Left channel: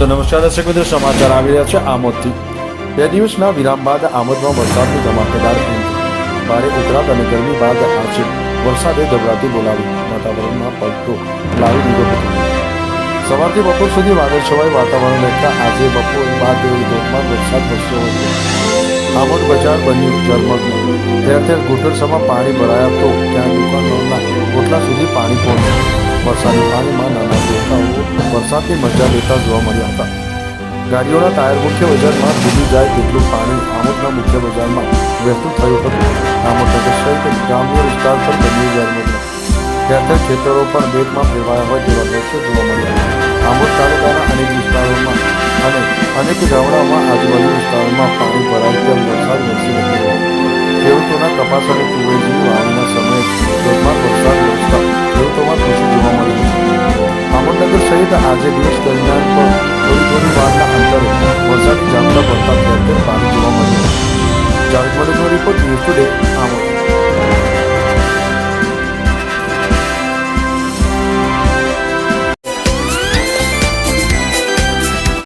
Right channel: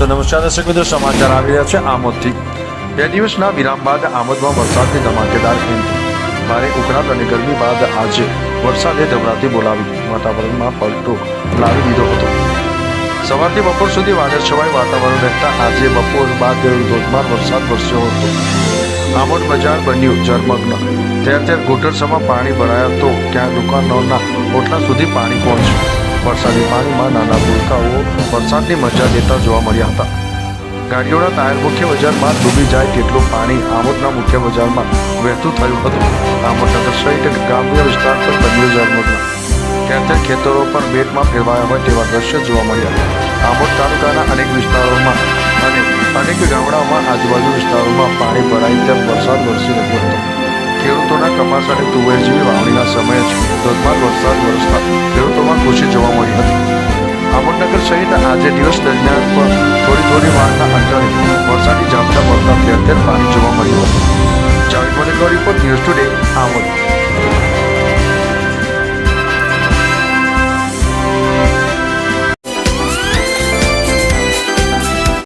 નમસ્કાર, દર્શક મિત્રો, સમાચાર આવી રહ્યા છે આમોદથી. બે દિવસના વિરામ બાદ આમોદમાં વરસાદની ધમાકેદાર એન્ટ્રી ભારે ઉકળાટ અને ગરમી બાદ આજે વરસાદે ધબરાતી બોલાવી. વાતાવરણમાં પલટો લાવી દીધો હતો. સવારથી બપોર સુધી વાદળ છવાય વાતાવરણ રહેતા આજે બપોર બાદ ધોધમાર વરસાદ વરસ્યો હતો. આમોદ બજાર બન્યું જળમગ્ન ઠેર ઠેર ઘૂંટણસમાં પાણી ભરાયા તો ક્યાં દુકાનોના ઓટલા સુધી પાણી પહોંચ્યું. વરસાદી પાણીમાં નાના ભૂલકાઓ વરસાદની મજા લેતા જોવા મળ્યા હતા. ગાડીઓના ટાયર મુખ્ય બજારમાં ડૂબી જાય તેટલું પાણી આમોદના મુખ્ય બજારમાં વહેતું થયું હતું. આમોદનગર સહિત ગ્રામ્ય વિસ્તાર પર બન્યું જળમગ્ન ઠેર ખેતરો પણ બેટમાં ફેરવાયા હોય તેવા દ્રશ્યો જોવા મળ્યા આમોદ તાલુકાના અનેક વિસ્તારોમાં અને અનેક ગામડાઓમાં આજુબાજુ વિસ્તારોમાં પાણી ભરાય તેમ વરસાદ વરસી રહ્યો હતો. ખેડૂતોના કપાસ અને તુવેર જેવી વાવણીના સમયે જ ધોધમાર વરસાદ વરસતા ખેડૂતોમાં ખુશી જોવા મળી હતી. અમરનગર સહિત આજે દિવસ દરમિયાન પણ થોડી થોડી વારના અંતરે વરસાદી ઝાપટા પડતા ઠેર પાણી જોવા મળ્યું હતું. જાવેદ મલિકનો રિપોર્ટ ન્યૂઝ ટુડે આમોદ.